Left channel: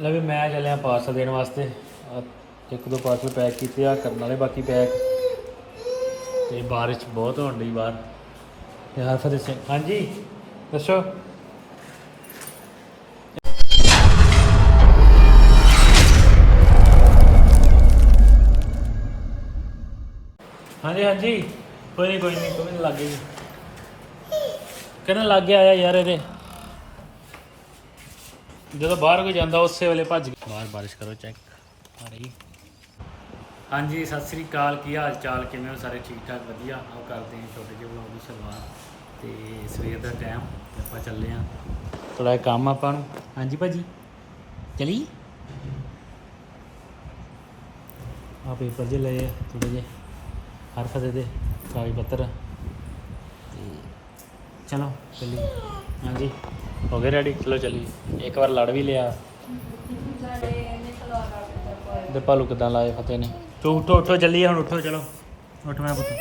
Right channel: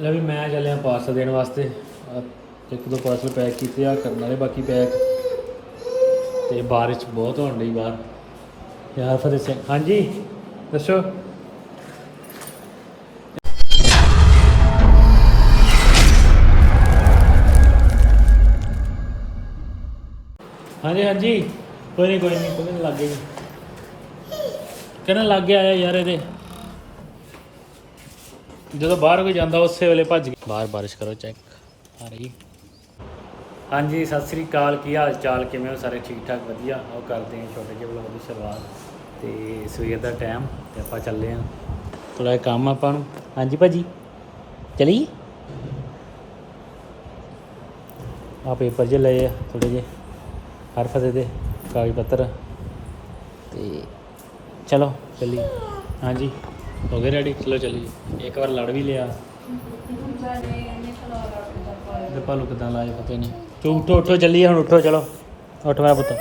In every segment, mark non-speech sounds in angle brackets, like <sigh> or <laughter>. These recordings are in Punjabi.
ਲੈ ਵੀ ਮੈਂ ਚੱਲਿਆ ਪਾਰਸਲ ਦੇਣ ਵਾਸਤੇ। ਇੱਕ ਦੋ ਪਾਰਸਲ ਪੈਕ ਕੀਤੇ ਆ ਕਰਨ ਵਾਲੇ ਬਾਕੀ ਪੈਕ ਤੇ ਬਾਰਿਸ਼ ਬਹੁਤ ਹੋਣ ਡਈ ਬਾਹਰ। ਯਾਰ ਫਤਿਹ ਸਿੰਘ, ਹਾਂਜੀ, ਦੱਸੋ। ਹਾਂਜੀ ਹਾਂਜੀ। ਕੋਈ ਨਹੀਂ ਕੋਈ ਨਹੀਂ ਕੋਈ ਨਹੀਂ ਲੱਗੇ ਕਹਿੰਦਾ ਲੱਗ ਗਿਆ ਆਇਆ ਯਾਰ ਇਹਦੇ? ਜਦੋਂ ਬਾਹਰ ਕੋਈ ਜਾਂਦਾ, ਉਸੇ ਵੇਲੇ ਭੱਜ ਗਿਆ। ਬਾਹਰ ਬਾਰਿਸ਼ ਕਰੋ ਚੈੱਕ ਆ ਰਹੀ। ਹਾਂਜੀ, ਸਤਿ ਸ੍ਰੀ ਅਕਾਲ। ਕੀ ਹਾਲ ਚਾਲ ਕਿਵੇਂ ਹੋ? ਸਾਰੇ ਠੀਕ ਠਾਕ ਵਧੀਆ। ਆਓ ਕਰਦੇ ਹਾਂ ਛੋਟੇ ਜਿਹੇ ਵਲੌਗ ਦੀ ਸ਼ੁਰੂਆਤ। ਤੇ ਸਵੇਰ ਦਾ ਟਾਈਮ ਤੇ ਆਪਾਂ ਚੱਲੇ ਹਾਂ। ਥੋੜਾ ਜਿਹਾ ਕੰਮ ਆਪਾਂ ਨੂੰ। ਹਾਂਜੀ ਭਾਜੀ ਚਲੀ ਆ ਪੇਪਰ ਜੇ ਲਏ ਆ ਥੋੜੇ ਜਿਹੇ। ਹਰ ਫਤੇ ਦੇ ਕਾਗਜ਼ ਪੱਤਰ। ਤੇ ਚਲੋ ਚੱਲੀ ਹਾਂਜੀ। ਹੋ ਗਏ ਰੈਡੀ ਚਲੋ ਚੱਲੀਏ। ਇੱਕ ਵਾਰ ਲੜ ਵੀ ਲਿਆ। ਦੇ ਭਾਲੂ ਕਿਦਾਂ ਲਾਏ ਫਤਿਹ ਨੇ? ਤੂੰ ਉੱਠੋ ਉੱਠੋ, ਚੱਲੀਏ ਹੁਣ, ਉੱਠੋ, ਚਲੋ। ਉੱਠ ਮੇਰਾ ਪੁੱਤ।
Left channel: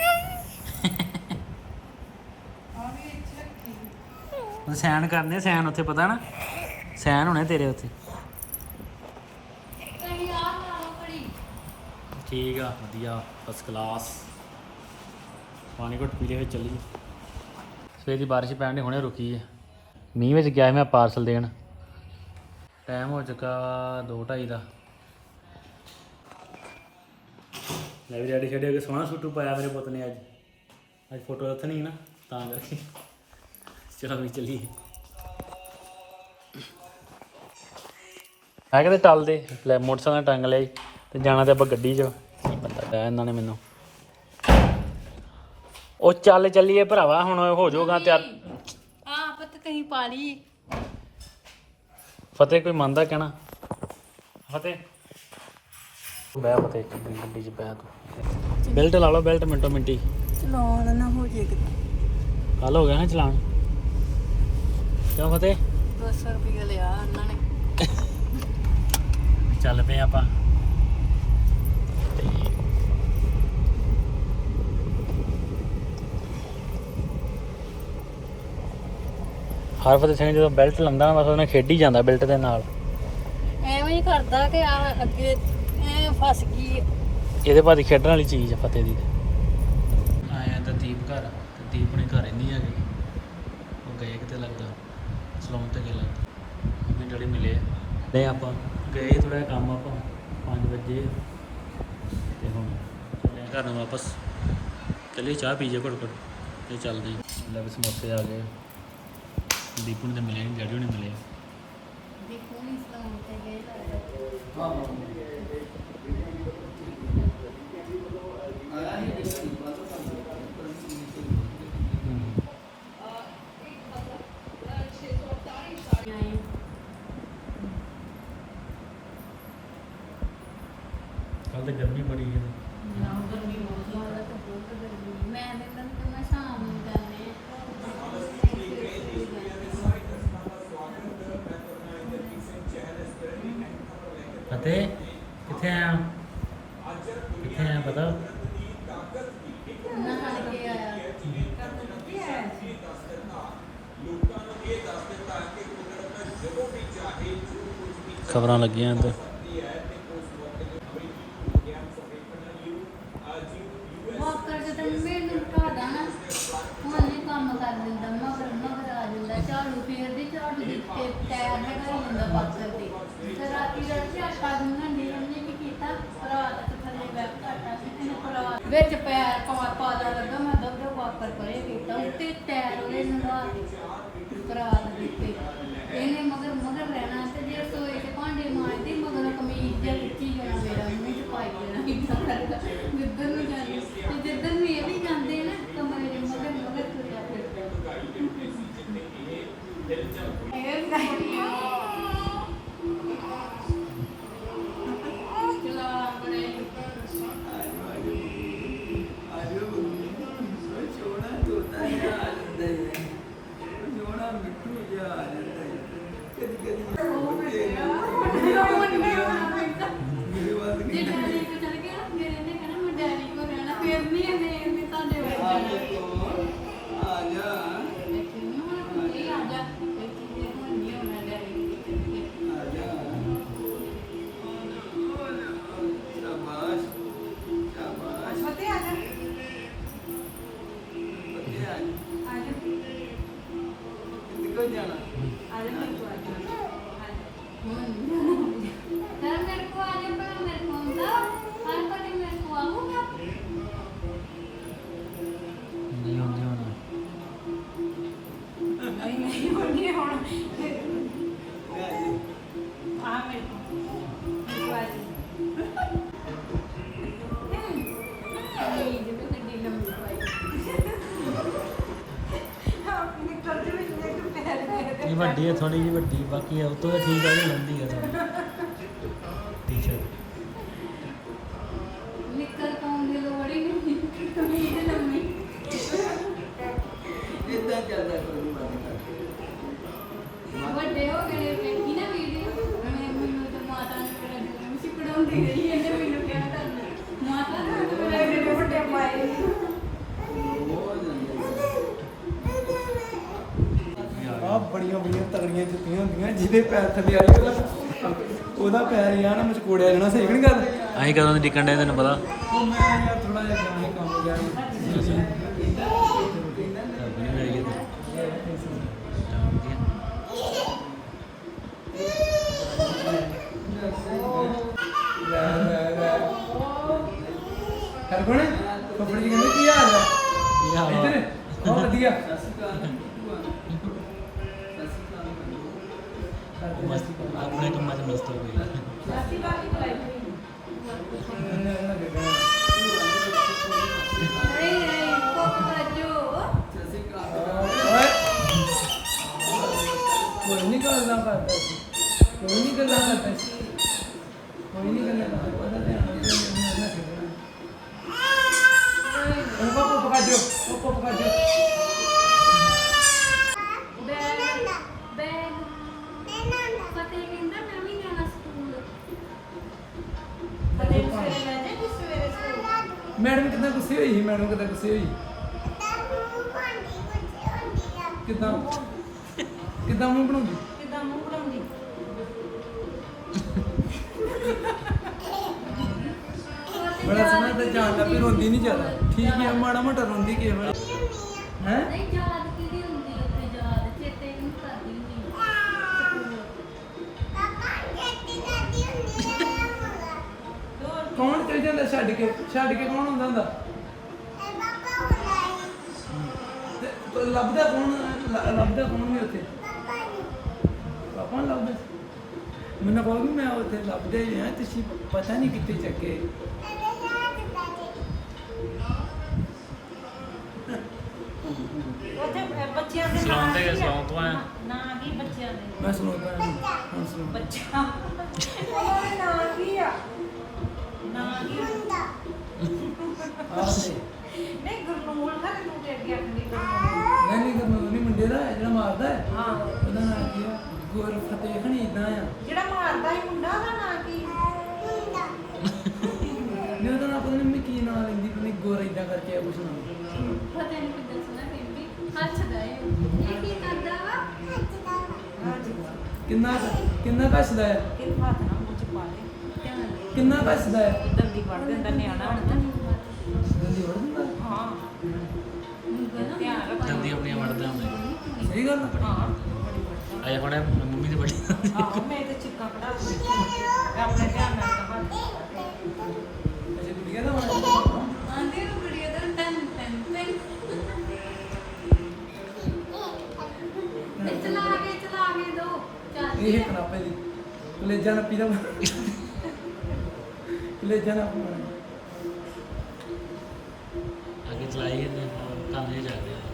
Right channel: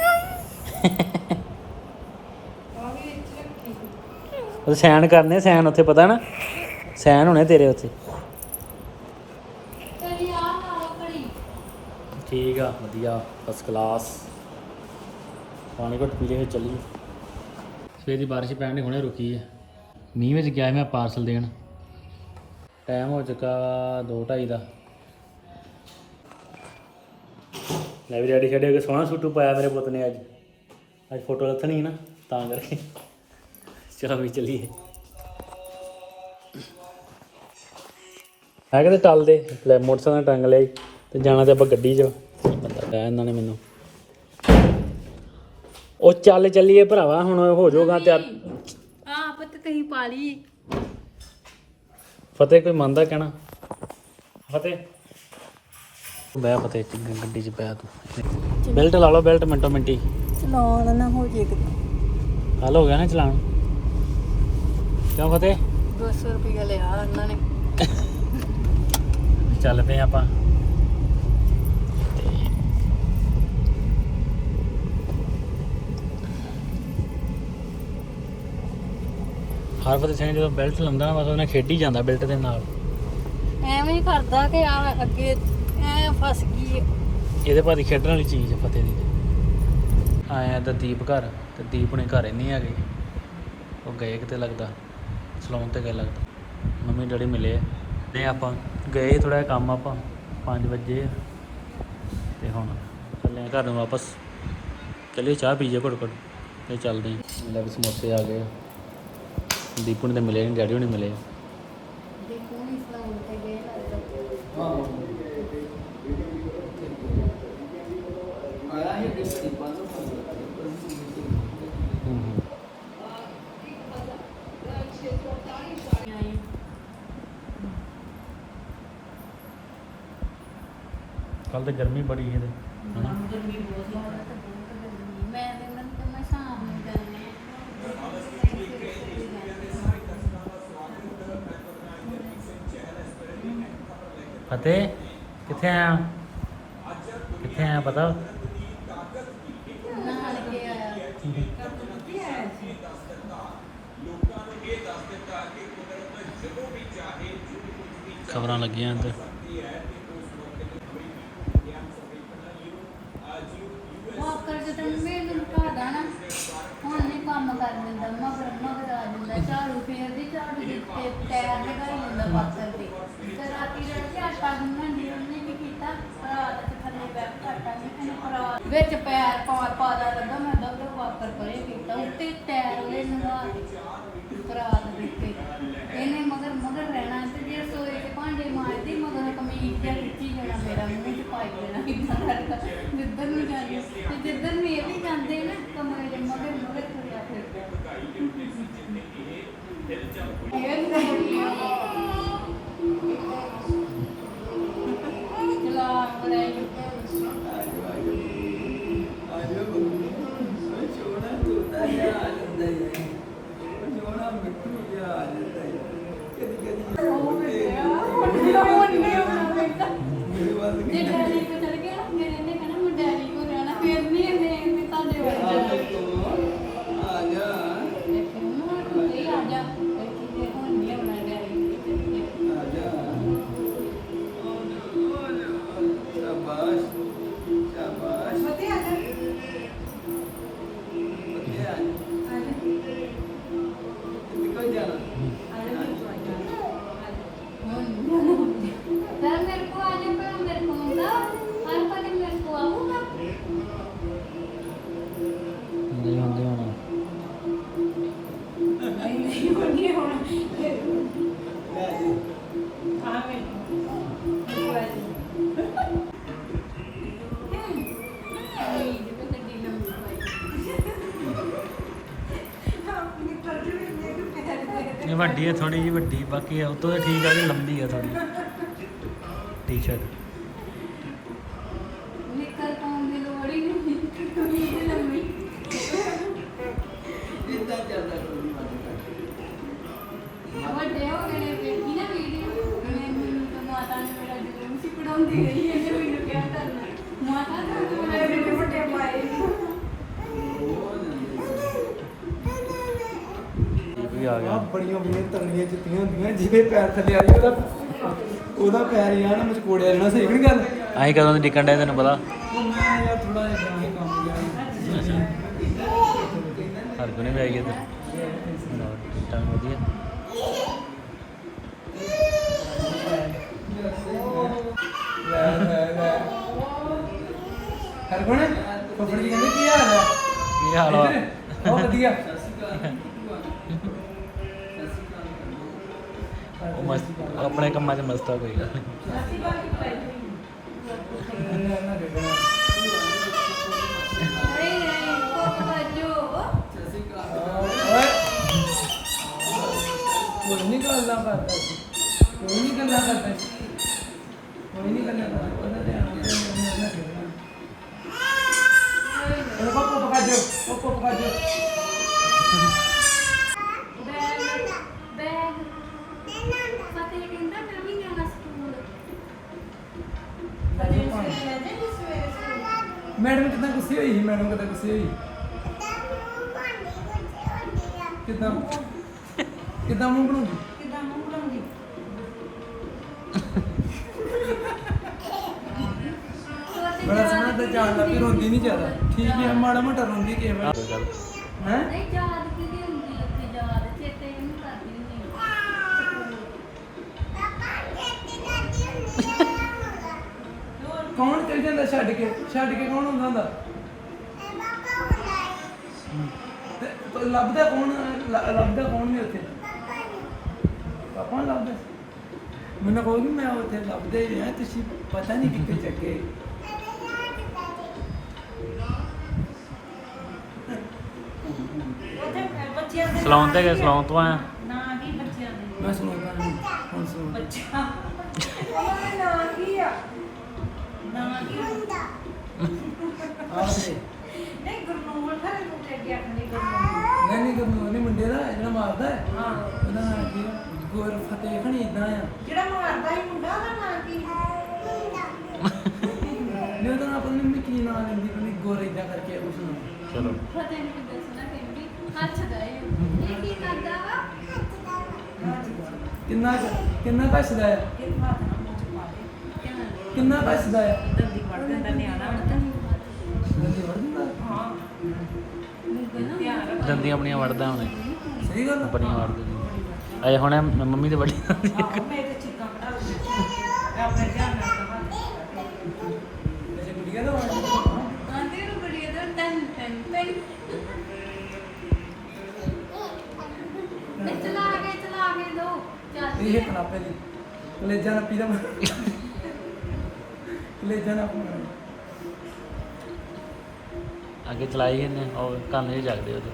ਉਹ ਸੈਨ ਕਰਨੇ ਸੈਨ ਉੱਥੇ ਪਤਾ ਨਾ? ਸੈਨ ਹੋਣੇ ਤੇਰੇ ਉੱਥੇ। ਠੀਕ ਆ, ਵਧੀਆ ਫਸਟ ਕਲਾਸ ਪਾਣੀ ਘੁੱਟ ਪੀ ਲਿਆ ਫਿਰ ਚੱਲੀਏ। ਸਵੇਰ ਦੀ ਬਾਰਿਸ਼ ਪੈਣ ਦੀ ਹੁਣੇ ਰੁਕੀ ਹੈ ਮੀਂਹ ਵਿੱਚ ਗਿਆ ਸੀ ਮੈਂ ਪਾਰਸਲ ਦੇਣ। ਟਾਈਮ ਹੋ ਚੁੱਕਾ 2:30 ਦਾ ਮੈਂ ਵੀ ਰੈਡੀ ਛੱਡੇ ਕੇ ਸੋਹਣਾ ਸੂਟੂ ਪਾਇਆ ਮੇਰੇ ਪੁੱਤ ਨੇ ਅੱਜ। ਅੱਜ ਫੋਟੋ ਲੱਥਣੀ ਨਾ, ਤਾਂ ਕਰਕੇ। ਚਲੋ ਵੀ ਚੱਲੀਏ। ਮੈਂ ਕਹਿੰਦੇ ਟਲ ਦੇ, ਲੈ ਮੋਟਰਸਾਈਕਲ ਟੰਗ ਲਿਆ ਈ ਤੇ ਜਾਣਾ ਤੇ ਆਪਾਂ ਗੱਡੀ 'ਚ। ਪਤਾ ਪਿਆ ਇਹਨਾਂ ਨੇ ਮੈਨੂੰ। ਉਹ ਚੱਲ ਚੱਲੀਏ ਭਰਾਵਾ, ਹੁਣ ਹੋ ਜਾਊਗਾ ਤਿਆਰ। ਤੁਸੀਂ ਪਾ ਲਈ। ਫਤਿਹ ਕੋਈ ਮੰਨਦਾ ਕਹਿਣਾ? ਫਤਿਹ। ਬੈ ਫਤਿਹ ਇੱਕ ਗੱਡੀ 'ਚ ਪਿਆ ਤੂੰ। ਬੈਲਟ ਲਾ ਲਓ ਬੈਲਟ ਮਿੰਟੋ ਮਿੰਟੀ। ਚਲਾਉਣ ਨਾ ਹੋ ਜੇ ਕੱਲ ਹੋ ਗਿਆ ਨਾ ਚਲਾਉਣ। ਕਿਉਂ ਫਤਿਹ? 200 ਰੁਪਏ ਲਿਆ ਉਹਨਾਂ ਨੇ। ਚੱਲ ਪਏ ਆਪਾਂ। ਹਰ ਫਤਿਹ ਸਿੰਘ ਜਦੋਂ ਬੈਲਟ ਲੰਦਾ ਬਸ ਉਹਨੇ ਖੇਡੀ ਜਾਂਦਾ ਬੈਲਟ ਦੇ ਨਾਲ। ਐਵੇਂ ਹੀ ਕਰਦਾ ਕਿ ਆ ਅੱਗੇ ਐ ਫਸ ਗਈ ਇਹਦੇ ਭਾਦੀ ਖੇਡਣ ਵਾਲੀ ਚੀਜ਼ ਆ ਫਤਿਹ ਦੀ। ਤੇ ਆਇਆ ਤਾਂ ਦੀਪ ਘਰ ਤੇ ਦੀਪ ਨੇ ਘਰੇ ਨਹੀਂ ਆ ਗਈ। ਉਹ ਗਏ ਕਿਤੇ ਲੱਗਦਾ ਸਲੂਨ ਤੇ ਗਏ ਲੱਗਦਾ। ਮੰਮੀ ਡੈਡੀ ਮਿਲੇ ਨਹੀਂ ਆਪਾਂ ਗਏ ਥੋੜਾ ਜਿਹਾ ਕੰਮ ਆਪਾਂ 5 ਵਜੇ ਤੇ ਹੁਣ ਚੱਲੇ ਘਰ ਨੂੰ ਵਾਪਸ। ਚੱਲੇ ਚਾਹ ਪੀ ਜਾ ਘੁੱਟ ਘੁੱਟ ਤੇ ਚੱਲਦੇ। ਲੈ ਵੀ ਸਮੋਸੇ ਆ ਗਏ। ਦੀਪੂ ਨੇ ਤਾਂ ਮਿਲੇ ਨਹੀਂ ਡੈਡੀ ਹੁਣੇ ਮਿਲੇ। ਦੇਖੋ ਤੇ ਗਏ ਲੱਗਦਾ। ਕੱਲ ਤੇ ਗਰਮੀ ਬੜੀ ਹੈ। ਨਾ ਗਰਮੀ ਬਹੁਤ ਲੱਗਦਾ ਤੇ ਬਹੁਤ ਗਰਮੀ। ਮੈਂ ਮੈਂ ਤੇ ਮੈਂ ਸ਼ਾਮ ਨੂੰ ਜਾਣੇ ਫਤਿਹ। ਕਿੱਥੇ ਆਇਆ? ਕਿੱਥੇ ਆਇਆ ਪਤਾ? ਖਬਰਾਂ ਲੱਗੀਆਂ ਅੰਦਰ ਵਾਕਰ ਜਦੋਂ ਮੈਨੂੰ ਢਾ ਦੇਣਾ ਹੁਣ ਨਹੀਂ ਕੰਮ ਕਰ ਦਿੰਦਾ, ਮਗਰ ਮਗਰ ਆ ਜਾਂਦਾ, ਝਾੜੂ ਫੇਰਦੀ, ਝਾੜੂ ਦੀ ਤੇ ਟਾਇਰ ਲਗਾਈ ਜਾਂਦਾ ਵਾਕਰ ਦੇ ਤੇ ਰਾਤੀ ਜਦ ਕਿ ਆਟਾ ਗੁੰਨਣ ਦੀ ਉਹਨੇ ਵੀ ਕੀਤਾ ਰਾਤ ਤੇ ਥੱਲੇ ਬੈਠ ਆਟਾ ਵੀ ਇਹਨੇ ਰਾਤ ਵਿੱਚ ਪੈਰ ਪਾ ਪਾ ਲੱਗਾ, ਮੈਂ ਦਬਦੇ ਵਾਕਰ ਪਰੇ ਕੀਤਾ, ਉੱਤੇ ਟਾਇਰ ਉਹਦੇ ਨਗਾ ਦਿੱਤੇ ਇਹਨੇ I don't know. ਵੱਡੀ ਹੈ ਥੋੜੀ ਜਿਹੀ ਵੱਡੀ, ਬਾਕੀ ਉਹ ਤੋਂ ਠੀਕ ਆ ਜੀ ਲੰਬੀ ਆ ਥੋੜੀ ਟੀ-ਸ਼ਰਟ ਬੜੀਆਂ ਬੜੀਆਂ ਤਗੜੀਆਂ ਜੁੱਤੀਆਂ ਹੁੰਦੀਆਂ ਜਿਹਦੇ ਪੈਰ ਥੱਲੇ ਆ ਜਾਏ ਉਹਦਾ ਉਹਦਾ ਪੈਰ ਯਾਰ ਨਾ ਮਚਕੋੜਿਆ ਜਾਣਾ ਸਹੀ ਨਹੀਂ ਗੱਲ? ਆਈ ਕਦੋਂ ਦੀ ਟਿਕਣ ਡਿਆ ਤੈਨੂੰ ਪਤਾ? ਉਹ ਮੈਂ ਯਾਰ ਥੋੜਾ ਜਿਹਾ ਗਿਆ ਸੀ ਕੰਮ ਗਿਆ। ਸੀ। ਹਰ ਕੋਈ ਵੀ ਆਈ ਗਿਆ ਤਾਂ ਵਧੀਆ। ਲੈ ਲੈ ਲੈ ਹਰ ਕੋਣ ਫੁੱਫੜ ਜੀ ਕਹਿੰਦੇ ਕੀ ਹਾਲ ਹੈ? ਕੀ ਹਾਲ ਇੱਧਰ, ਬਹੁਤ ਵਧੀਆ। ਉਹ ਮਸਤ ਆਪਣੇ ਕੰਮਾਂ 'ਚ ਮਸਤ ਆ ਕੋਈ ਗੱਲ ਨੀ। ਨਹੀਂ ਨਹੀਂ ਕੋਕ ਬਾਜੋ ਓਏ ਕੋਈ ਨਹੀਂ ਗੁੱਸੇ ਹੋਈ ਸੀ? ਮੈਡਮ ਕਿਦਾਂ ਗੁੱਸੇ ਹੋਈ? ਕਿਦਾਂ? ਕਿਦਾਂ ਮੂੰਹ ਬਣਾਉਂਦੀ? ਕਿਦਾਂ ਮੂੰਹ ਬਣਾਉਂਦੀ? ਬੜਾ ਸੋਹਣਾ ਤੇ ਜਾਣ ਲੱਗ ਪਈ ਰੋਂਦੀ ਨਹੀਂ ਜ਼ਿਆਦਾ। ਠੀਕ ਹੈ ਮਾੜਾ ਮੋਟਾ ਰੋਂਦੀ ਕਿਸੇ ਵੇਲੇ ਹੈ? ਨਹੀਂ ਯਾਦ ਕਿਹਦੀ ਹੁੰਦੀ ਉੱਥੇ? ਯਾਦ ਚੇਤੇ ਨਹੀਂ ਕਰਦੀ ਨਹੀਂ ਕੌਣ ਚਲ ਜਾਂਦਾ ਛੱਡ ਕੇ? ਛੱਡ ਕੇ ਕੌਣ ਹੁੰਦਾ ਹੁੰਦਾ? ਲੱਭਦਾ ਕੌਣ ਲ- ਲੱਭਦਾ ਕੌਣ ਨਹੀਂ ਉੱਥੇ? ਪਾਪਾ ਨੂੰ ਲੱਭਦਾ। ਮੈਨੂੰ ਕਹੋਗੇ ਮੈਂ ਉੱਥੇ ਲੱਭਦੇ ਹੀ ਆ ਤੁਸੀਂ ਪਤਾ ਨਹੀਂ ਕਿੱਥੇ ਚੱਕੇ। ਉੱਥੇ ਬੱਚਿਆਂ ਦੇ ਸਲਾਉਣ ਤੇ ਗਏ ਸਲਾਉਣ ਤੋਂ ਆਇਆ? ਨਾਂ ਕੀ ਬੱਚਿਆਂ ਦੇ ਮੈਂ ਸੁਣਦਾ ਨਹੀਂ ਹੁਣ ਸੁਣ ਬੱਚਾ ਨਾਂ ਕੀ ਆ। ਨਾਂ ਕੀ ਹੁੰਦਾ ਆਹ ਤੇ ਨਹੀਂ ਗੁਰਨੂਰ ਨੂੰ ਤੇ ਅੱਗੇ ਆਪਣੀ ਗੁਰਨੂਰ ਨਹੀਂ ਨਹੀਂ ਕਰਨੋ ਨਹੀਂ ਮੁੰਡੇ ਦਾ ਜਿਹੜਾ ਮਾਰਦਾ ਹੈ। ਹਾਂ। ਉਹਦਾ ਨਾਮ ਕੀ ਆ ਗੁਰ ਫਤਿਹ ਖਣੀ ਇਦਾਂ ਆ। ਜਿਹੜਾ ਮਾਰਦਾ ਹੀ ਮੁੰਡਾ ਉਹਦਾ ਨਾਂ ਕੀ ਨਹੀਂ ਉਹਦਾ ਨਾਮ ਪਤਾ ਨਹੀਂ ਮੈਂ ਕੀ ਨਾਮ ਲੈਂਦੀ ਪਤਾ ਨਹੀਂ ਗੁਰ ਇਦਾਂ ਕਰਕੇ ਆ ਕੁਛ ਨਾਮ ਚਲੋ। ਪਤਾ ਨਹੀਂ ਕਿੱਦਾਂ ਸੁਣਾ ਕਹਿੰਦੀ ਹੱਸਦਾ ਏ ਇਹ ਕੀ ਕਰਦਾ ਵਾ? ਕਿੰਨਾ ਕੁ- ਕਿੰਨਾ ਹੈ? ਮੂੰਹ ਚ ਪਾ ਦੇ। ਦੇ ਕਿੰਨਾ ਕੱਸਦਾ ਹੈ? ਇਧਰ ਦੀ ਵੜ ਦਿੰਦਾ ਨਿਆਣਾ ਦੰਦੀਆਂ ਆਪਣੀਆਂ ਵੜਦਾ ਹੁਣੇ। ਸਹੀ ਗੱਲ। ਆਪਣੀਆਂ ਵੜਦਾ। ਅਜੇ ਹੁਣੇ ਮੰਮੀ ਦੇ ਵੱਡੀ ਮੈਂ ਚਿੱਕਾ ਆਪਣੇ ਧਿਆਨ ਗੁੜੀਆ ਦਾ ਆਂਦੇ ਨੂੰ ਬੜੀਆ ਤਾਂ ਟੈਨ ਟੈਨ ਟੈਨ। ਇਹ ਚਲਾ ਕੇ ਚਲਾ ਕੇ ਦੋ। ਚਾਚੀ ਇਹ ਕਨਾਪੇ ਦੀ। ਕਲੇਜਾ ਨੱਪੀ ਦਾ ਕਲੇਜਾ ਨਾ ਪਾਉਣਾ ਅੱਗੇ ਚਲਾਈ ਇਹਨੇ ਉਹ ਕੰਨ ਨਹੀਂ ਜਗਦੇ ਉਹਦੇ।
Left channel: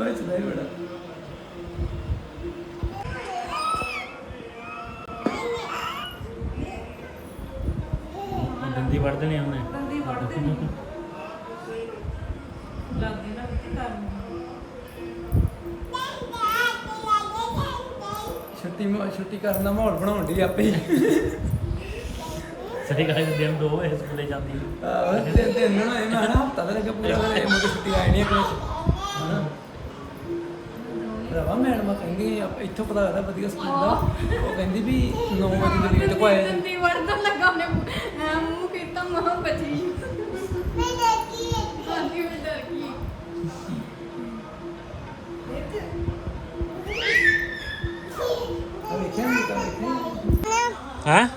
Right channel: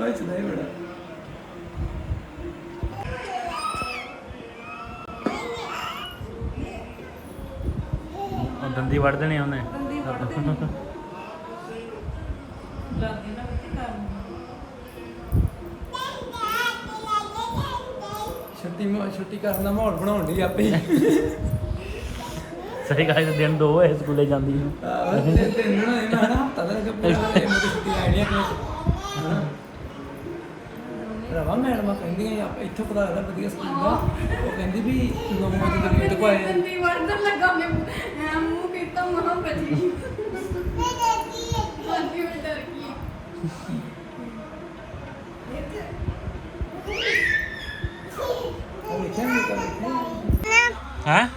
ਓਏ ਚਲਾਈ ਬੜਾ। ਉਹ ਦੰਦੀ ਵੜ ਦੇਣੀ ਉਹਨੇ। ਦੰਦੀ ਵੜ ਦੇਣੀ। ਲੱਗਦੇ ਨਾ ਕਿ ਕੰਮ। ਛੁੱਟੀ ਮਾ ਛੁੱਟੀ ਕਰਨ ਦਾ ਮਾਹੌਲ ਬਣਾਉਣ ਦੀ ਆਪੇ ਹੀ। ਸਹੀ ਗੱਲ ਹੈ ਦਿਨ ਦੋ ਹੋਏ ਸਕੂਲੇ ਜਾਂਦੀ। ਆਹ ਤੇ ਦਿਨ ਨਾ ਮੈਂ ਨਾ ਹਫਤਾ ਦਾ ਲੱਗਾ ਪੂਰਾ ਕਰੇ ਮੁझे ਛੁੱਟੀ ਆਈ ਨਹੀਂ ਕਰੇ ਰਵਾ ਮੈਡਮ ਕਹਿੰਦੀ ਆ ਇੱਥੋਂ ਪਤਾ ਲੱਗਦਾ ਵਧੀਆ ਸਕੂਲ ਦਾ ਉਹ ਕਹਿੰਦੀ ਵੀ 9 ਵਜੇ ਦੇ ਗੇਟ ਕੋ ਆਏ। ਦੰਦੀ ਵੜਨ ਲੱਗਾ ਮੈਂ ਮੈਂ ਮੂੰਹ ਕੀਤਾ ਮਾਂ ਬਚੀ। ਹਾਂਜੀ ਮੈਂ ਡਰ ਗਈ। ਉਹ ਵੇਖਿਆ ਨਹੀਂ ਤਾਂ ਵੇਖਿਆ ਹਾਂ?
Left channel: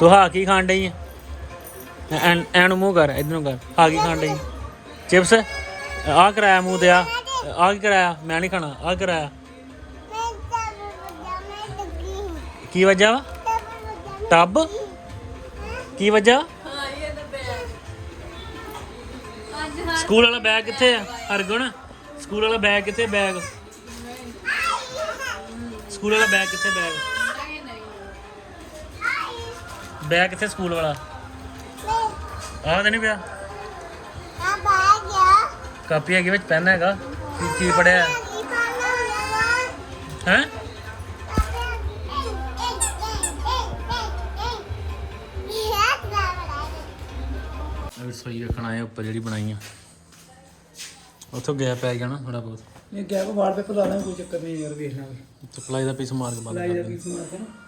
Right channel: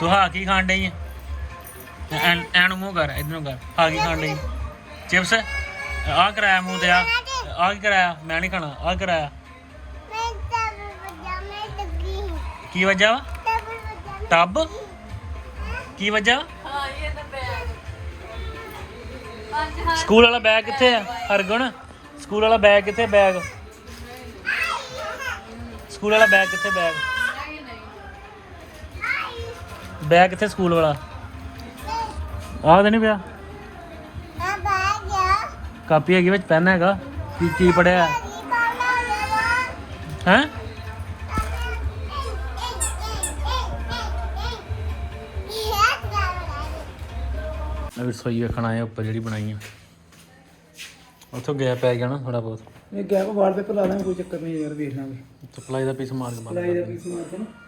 ਤੂੰ ਹਾਂ ਕੀ ਖਾਣ ਡਈ ਹੈ ਐਨ ਮੂੰਹ ਕਰ, ਇਧਰੋਂ ਕਰ। ਹਾਂ ਕੀ ਖਾਣ ਡਈ? ਚਿਪਸ? ਆ ਕਰਾਇਆ ਮੂੰਹ ਤੇ, ਆ। ਆ ਕੀ ਕਰਾਇਆ? ਮੈਂ ਨਹੀਂ ਖਾਣਾ, ਆ ਕਰਾਇਆ। ਕੀ ਵਜ੍ਹਾ ਵਾ? ਟੱਬ? ਕੀ ਵਜ੍ਹਾ ਸਕੂਲ ਵਾਲਾ ਬੈਗ ਕਿੱਥੇ ਆ? ਹਰਗੁਣ, ਸਕੂਲ ਵਾਲਾ ਬੈਗ ਕਿੱਥੇ ਬੈਗ? ਸਕੂਲ ਵਾਲਾ ਬੈਗ ਕਿੱਥੇ ਬੈਗ? ਬੈਗ ਕਿੱਥੇ ਸਕੂਲ ਵਾਲਾ? ਆਹ ਤਾਂ ਨਹੀਂ ਪਿਆ। ਕਾਪੀ ਹੈਗੀ ਵਿੱਚ ਪੈਨ ਹੈਗਾ। ਕੀ ਕੀ ਪੜਿਆ ਹੈ? ਅਭੀ ਸੋਈ ਰੱਖਣਾ ਹੈ ਉੱਪਰ ਜਿਹੜੀ ਬਣਾਈ ਆ। ਉੱਥੋਂ ਗਿਆ ਪੈ ਗਿਆ ਨਾ ਥੋੜਾ ਬਹੁਤ। ਇਹ ਗੈਪ ਵਾਲਪੇਪਰ ਲਾ ਦਾਂਗੇ ਕੋਈ ਚੱਕਰ ਨਹੀਂ ਯਾਰ ਵੇਖ ਲਾਂਗੇ। ਸਪਲਾਈ ਦਾ ਪੀਸ ਮਾਰ ਕੇ ਬੰਦ ਕਰ ਦਾ ਦੇ ਪੀਸ ਮਾਰਦਾ ਨਾ।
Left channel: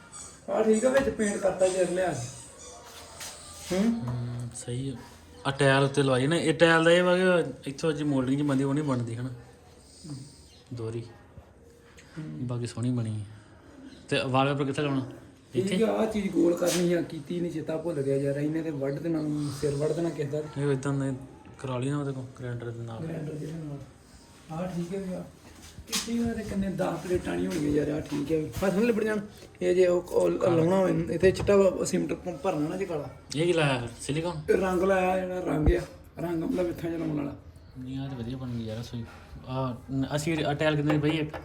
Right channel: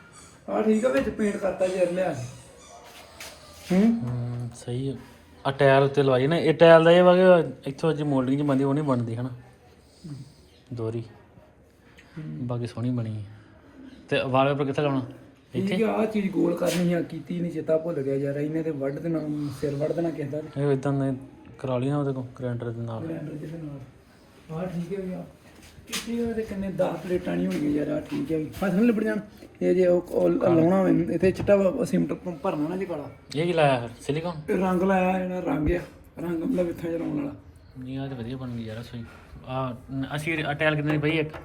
ਆ ਠੀਕ ਆ ਵਿੱਚ ਪੇਂਟ ਕਰਤਾ ਜਰ ਲਿਆ ਕੇ। ਹੂੰ? ਹਮ, ਸਹੀ ਆ। ਆਹ ਟਾਇਲ ਉੱਤੇ ਲਵਾਈ ਨਾ ਇਹ ਟਾਇਲ ਦਾ ਇਹ ਵਾ ਕਿ ਇੱਥੋਂ ਜੀ ਮੋਲਡਿੰਗ ਜੀ ਬੰਦੀ ਉਹ ਨਹੀਂ ਬਣਦੀ ਹਨਾ? ਦੋਰੀ। ਬਾਕੀ ਸੋਹਣੀ ਬਣੀ। ਹੈ। ਤੇ ਵਾਲਪੇਪਰ ਕਿੱਥੇ ਲਾਉਣਾ? ਇੱਥੇ? ਠੀਕ ਆ ਆਹ ਚੀਜ਼ ਗੋਲ ਕਰਨੀ ਆ ਕੀਤੀ ਨਹੀਂ ਚੇਤਾ ਭੁੱਲ ਗਿਆ ਯਾਰ ਇਹਨੇ ਤੇ ਵੱਢ ਦੇਣਾ ਸਿਰ ਵੱਢ ਦੇਣਾ ਕਿਸੇ ਦਾ। ਇਹ ਇਦਾਂ ਦੇ ਕਰਾ ਲਈ ਨਾ ਉਹਦੇ ਕੋਲ ਗ੍ਰੈਂਡਰ ਦੇ ਨਾਲ। ਗ੍ਰੈਂਡਰ ਜਿਹਦੇ ਨਾਲ। ਆਹ ਠੀਕ ਹੈ ਯਾਰ ਕੀ ਉਹਦੇ ਕੰਨੇ 10 ਪਲੇਟਾਂ ਨਹੀਂ ਹੋਣਗੀਆਂ ਯਾਰ ਆ ਠੀਕ ਹੈ ਫਸਲ ਲਿਬੜ ਜਾਣ। ਇਹ ਜੇ ਉਹ ਉਹ ਲਾਉਣਾ ਹੋਵੇ ਇੱਥੇ ਚਿੱਟਾ ਸਿਮਟ ਭਰਨਾ ਨਾ ਜੀ ਕਾਲਾ। ਇਹ ਕੀ ਲਾਇਆ ਸਿਲੀਕਨ ਇਹ ਰੰਗ ਲਾਇਆ ਜਿਹੜਾ ਰੰਗ ਆ। ਰੰਗ ਮਤਲਬ ਇੱਥਾਂ ਚ ਲਾਉਣ ਵਾਲਾ। ਨਹੀਂ ਆ ਤੇ ਵਧੀਆ ਬਣ ਗਈ ਯਾਰ ਸੋਈ ਆ ਅਸੀਂ ਆ ਟਾਇਲ ਕਿੰਨੇ ਦੀ ਪਈ ਇੱਕ?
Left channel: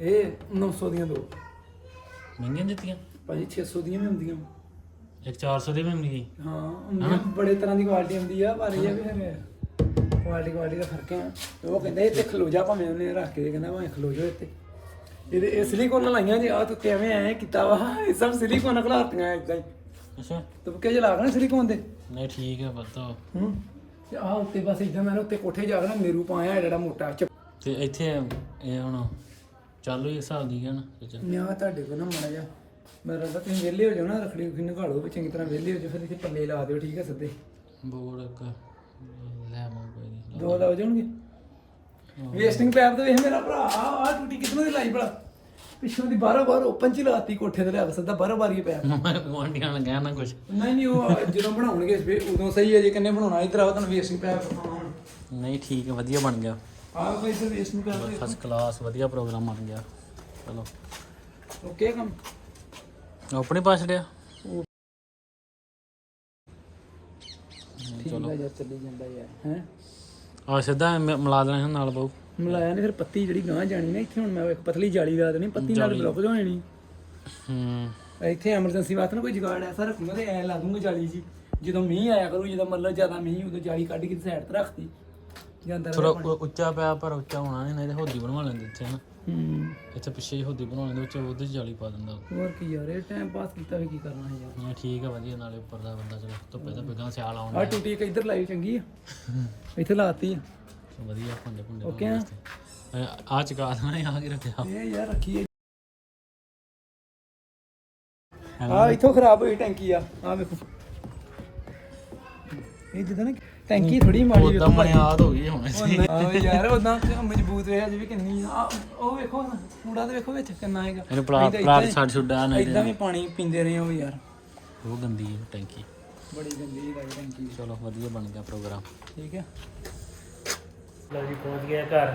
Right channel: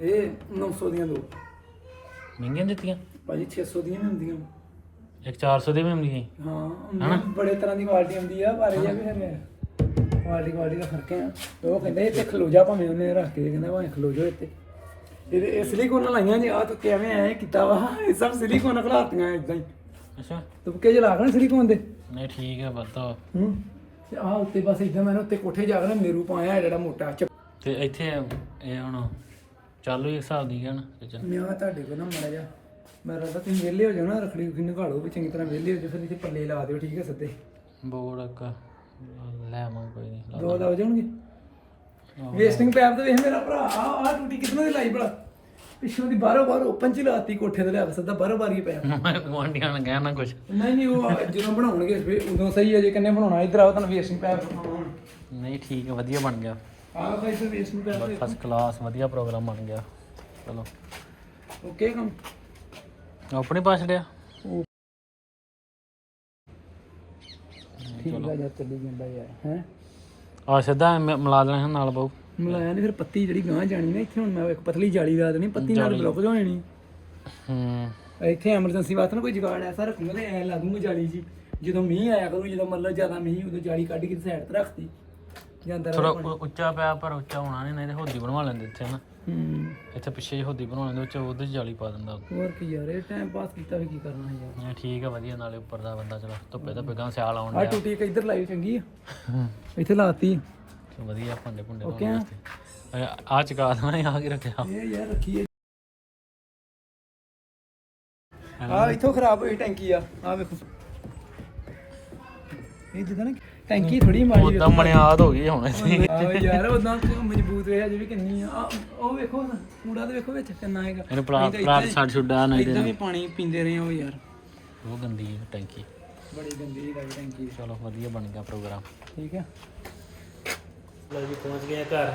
ਇਹ 900 ਦੀਆਂ ਦੋ। ਮਹਿੰਗੀਆਂ ਦਿੱਤੀਆਂ? ਭਾਜੀ 600 ਦੀਆਂ ਵੀ ਹੁੰਦੀਆਂ। ਇੱਕ 400 ਦੀ ਵੀ ਹੁੰਦੀ ਸੀ? ਹਾਂ ਹੁੰਦੀਆਂ, ਬੜੇ ਤਰ੍ਹਾਂ ਦੀ ਕੁਆਲਿਟੀ ਹੁੰਦੀ ਆ ਪਰ ਇਹ ਵੀ ਫਿਰ ਕੁਆਲਿਟੀ ਕੁਆਲਿਟੀ ਦਾ ਫ਼ਰਕ ਆ ਉਹ ਕਹਿੰਦਾ ਇਹ ਤੇ ਖਲੋ ਜਾ ਭਾਵੇਂ ਉਹਨੇ ਰੱਖ ਕੇ ਕਹਿੰਦਾ ਭਾਵੇਂ ਖਲੋ ਜਾ ਇੱਥੇ। ਤੇ ਇਹ ਸਿਲੀਕੋਨ ਲਾਈਆਂ ਜੀ ਆ ਤੂੰ ਕਿਵੇਂ ਐ ਕੀਤਾ ਵਾ? ਇਹ ਸਭ ਸਿਲੀਕੋਨ ਖਲਾਤੀਆਂ ਇਦਾਂ ਹੀ। ਅੱਛਾ। ਤੂੰ ਕਿ ਜੇ ਲਾਗਣਾ ਸਿਲੀਕੋਨ ਦੇ? ਨਹੀਂ ਠੀਕ ਹੈ ਪਤਾ ਹੂੰ। ਤੇ ਆ ਉੱਤੇ ਬਸ ਇਦਾਂ ਮੈਂ ਉੱਤੇ ਕੋਠੇ ਜਾ ਕੇ ਮੇਰੂ ਪਾਇਆ ਜਿਹੜਾ ਮੋਟਾ। ਤੇ ਇੱਥੇ ਇਹ ਹੁਣ ਚਾਲੂ ਹੀ ਹਿਸਾਬ ਦੀ ਹੈ ਨਾ? ਇਹ 'ਚ। ਨਿਆ ਤੁਹਾਡੇ ਕੋਲ ਨਾ ਮੜਾ ਜਾ ਮੇਰਾ ਤਾਂ ਤੁਸੀਂ ਵਿਹਲੇ ਹੋ ਜਾਓ ਨਾ ਰਖੜੀ ਰੁਖੜੀ ਨਿਕਾਲੋ ਵੀ ਚੰਗੀ ਤਰ੍ਹਾਂ ਵਿਹਲੇ ਹੋ ਜਾਓ ਫਿਰ ਇੱਥੇ ਪੱਲੇ ਲਾ ਦਿਓ ਠੀਕ ਹੈ ਸਿੱਧੇ। ਬੋਰਡ ਇੱਕ। ਲੈ ਆਵਾਂ ਕੋਈ ਨਹੀਂ ਦੋ ਲੱਗ। ਜਾਣਗੇ। ਵੇਸਟਿੰਗ ਪੈਪ ਤੇ ਵੇਖ ਮੇਰਾ ਭਰਾ ਆ ਆ ਟੂਟੀ ਕਿਤਨੋਂ ਦੀ ਲਾਈ ਬੜਾ ਪਿੱਛੋਂ ਦੀ ਬਾਹਰੋਂ ਬਾਹਰ ਓਪਨ ਚ ਲਾਤੀ ਕੋਠੇ ਤੇ ਲਿਆ ਕੇ ਸਿੱਧਾ ਹੀ ਪਿਆ ਮੈਂ ਗੁਆਂਢੀਆਂ ਨੂੰ ਕਹਿਣਾ ਕੁਝ ਨਹੀਂ ਨਹੀਂ ਉਹ ਜਦੋਂ ਬਣਾਉਣਗੇ ਫਿਰ ਉਦੋਂ ਸਹੀ ਹੈ ਜੇ ਕੰਨੇ ਬਣਾਉਣਾ ਇਧਰ ਆਓ ਤੁਹਾਨੂੰ ਵੇਸਟਿੰਗ ਪੈਪ ਬਣਾਉਣਾ ਨਹੀਂ ਠੀਕ ਹੈ ਵਧੀਆ ਬਣ ਗਿਆ। ਆਹ ਭਾਈ ਤੇ ਵੇਸਟਿੰਗ ਪੈਪ ਫਸਟ ਕਲਾਸ ਵਧੀਆ ਪ੍ਰੋਗਰਾਮ ਬਣ ਗਿਆ। ਚਲੋ। ਓਕੇ ਕੰਮ ਆਪਣੇ ਪਾਸ ਲਿਆ ਯਾਰ ਚੱਲੀ ਜਾਂਦਾ ਯਾਰ ਹੈ? ਆ ਸਿੱਧਾ ਐਵੇਂ ਮਿਲਾ ਦੇਣਾ ਹੈ ਨਾਲ ਬਹੁ। ਮਲਾਇਆ ਨੇ ਫਿਰ ਪੱਤੀ ਜਿਹੜੀ ਗਾਂ ਜਾਣੀ ਨਾ ਇੱਥੇ ਹੁਣ ਮੈਂ ਇੱਕ ਪਤਲੀ ਜਾਲੀ ਲਾ ਦੇਣੀ ਪੱਤੀ ਨਾਲ ਬਲੌਕ ਹੋਣੀ ਨਹੀਂ ਹੂੰ। ਇੱਥੇ ਐਮਰਜੈਂਸੀ ਵਾਸਤੇ ਨਾ ਕੋਈ ਜੁਗਾੜ ਐਸਾ ਰੱਖੂਗਾ ਤੇ ਐ ਲਾ ਦੂੰਗਾ ਜਾਲੀ ਜੀ। ਜਦੋਂ ਮੀਂਹ ਆਇਆ ਕਰੂ ਜਦੋਂ ਮਤਲਬ ਜ਼ਿਆਦਾ ਮੀਂਹ ਉਦੋਂ ਜਾਲੀ ਕੱਢ ਕੇ ਸਾਈਡ ਤੇ ਰੱਖਤੀ। ਜਾਂ ਅੰਦਰ ਥੋੜਾ ਉੱਚਾ ਪਿਆ ਪਰ ਉੱਚਾ ਹੋਣਾ ਨਹੀਂ ਨਹੀਂ ਤੇ ਹੋਦੀ ਬਣਵਾ ਲੈਂਦੇ ਇੱਥੇ ਨਾ। ਹੂੰ। ਇੱਥੇ ਪਿੱਛੇ ਹੀ ਹੋਦੀ ਬਣਵਾ ਲੈਂਦੇ ਉੱਚ ਉਹਦੇ 'ਚ ਜਾਲੀ ਪਾ ਦਿੰਦਾ। ਹੋਰ ਕੀ ਯਾਰ ਇਹ ਟਾਈਮ ਪਾਸ ਕੀਤਾ ਵੀ ਕੀ ਕਰਨਾ ਹੈ ਯਾਰ? ਹਾਂ ਠੀਕ ਹੈ ਵਧੀਆ ਨਾਲੇ ਉੱਪਰ ਦਾ ਬੰਦਾ ਚਲੋ ਧੁੱਪੇ ਤਾਂ ਬਿਗਾਂ ਸਿਆਲ ਆਉਣ ਆ ਟੂਟੀ ਇੱਕ ਇੱਧਰ ਲਾਈ ਚੰਗੀ ਆ। ਇੱਥੇ ਲਾਤੀ। ਵਧੀਆ ਭਾਂਡੇ ਭੁੰਡੇ ਲਾਉਣ ਆ। ਆ ਚਕਾ ਦੇਣਾ ਆ ਕੀ ਰੱਖਿਆ? ਇਹ ਯਾਰ ਰੱਖੀ ਆ ਇੱਥੋਂ ਖਰਾਬ ਹੋਈ ਟੈਂਕੀ ਆ। ਆ ਵੇਖੋ। ਇਹ ਜਿੱਦਾਂ ਨਾ ਟੈਂਕੀ ਥੋੜੀ ਮਾਰੀ ਉਦਾਂ ਬੁਨਿਆਦ ਹੋ ਗਈ ਹੁਣ ਸੀ ਆ ਯਾਰ ਉਦਾਂ <laughs> ਮਜ਼ਬੂਤ ਵੇ ਅਜੇ ਵੀ ਕਿੰਨੀ ਆ। ਆਹ, ਉਹ ਵੇਖੋ ਨਾ, ਕੂੜਾ ਤੇ ਵੇਖੋ ਵਿੱਚ ਕਿੰਨਾ ਹੈਗਾ। ਇਹਨੂੰ ਪਲਾਟ ਪਲਾਟ ਛੱਡ ਛੁੱਡਾ ਨਹੀਂ ਇਦਾਂ ਤੇ ਵੀ ਪਾਣੀ ਪੀਂਦੇ ਰਹੇ ਹੋ ਯਾਰ। ਉਹ ਗੰਦੀ ਹੈ ਟੈਂਕੀ। ਬੜੀ ਗੰਦੀ ਲਾਈ ਟੈਂਕੀ। ਚਲੋ ਵਧੀਆ ਬਣ ਗਿਆ ਪ੍ਰੋਗਰਾਮ। ਠੀਕ ਹੈ। ਲਓ ਜੀ ਪਹੁੰਚ ਗਏ ਆ ਘਰ।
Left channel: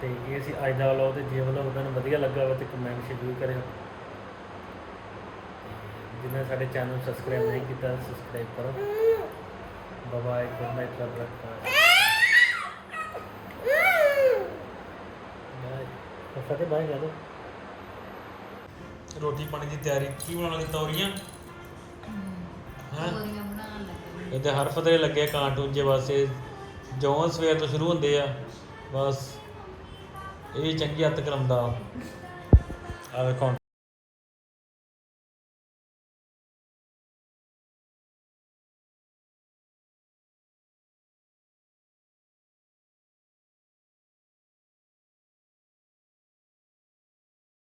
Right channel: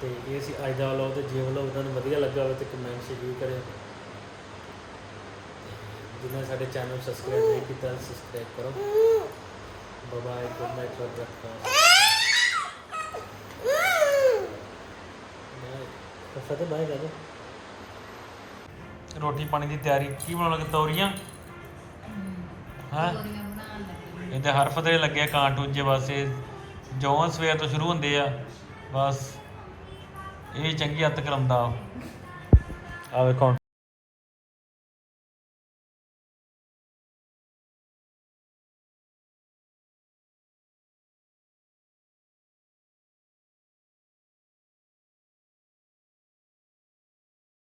ਤੇ ਇਹ ਸੀ ਅੱਜ ਦਾ ਵਲੌਗ ਤੇ ਜੇ ਵਲੌਗ ਤੁਹਾਨੂੰ ਵਧੀਆ ਲੱਗਾ ਹੋਵੇ ਤੇ ਕਮੈਂਟ ਜ਼ਰੂਰ ਕਰਿਓ। ਜਿਨ੍ਹਾਂ ਸਾਡੇ ਚੈਨਲ ਸਬਸਕ੍ਰਾਈਬ ਨਹੀਂ ਕੀਤਾ ਸਬਸਕ੍ਰਾਈਬ ਕਰੋ। Bye good night love bye ਫਤੇ ਕਰ ਦੋ ਰੋਟੀ ਪਾਣੀ ਦੀ ਤਿਆਰੀ ਕੀ ਬਣਾਉਣ ਲੱਗੇ ਤੌਰੀਆਂ? ਹਾਂ? ਤੋਰੀਆਂ ਬਣਾਉਣ ਲੱਗੇ। ਇਹਦੇ ਹਰ ਫਤਰੇ ਲੱਗੇ ਆ ਕਾਰਟੂਨ ਜੇ ਵਾਸਤੇ ਜੌਂ ਸਵੇਰ ਤੋਂ ਸ਼ੁਰੂ ਹੁੰਦੇ ਆ ਬਸ। ਇਹ ਵੀ ਚੰਗੀ ਹੱਤ ਕਰਾਉਂਦਾ ਆ ਵੇਖੋ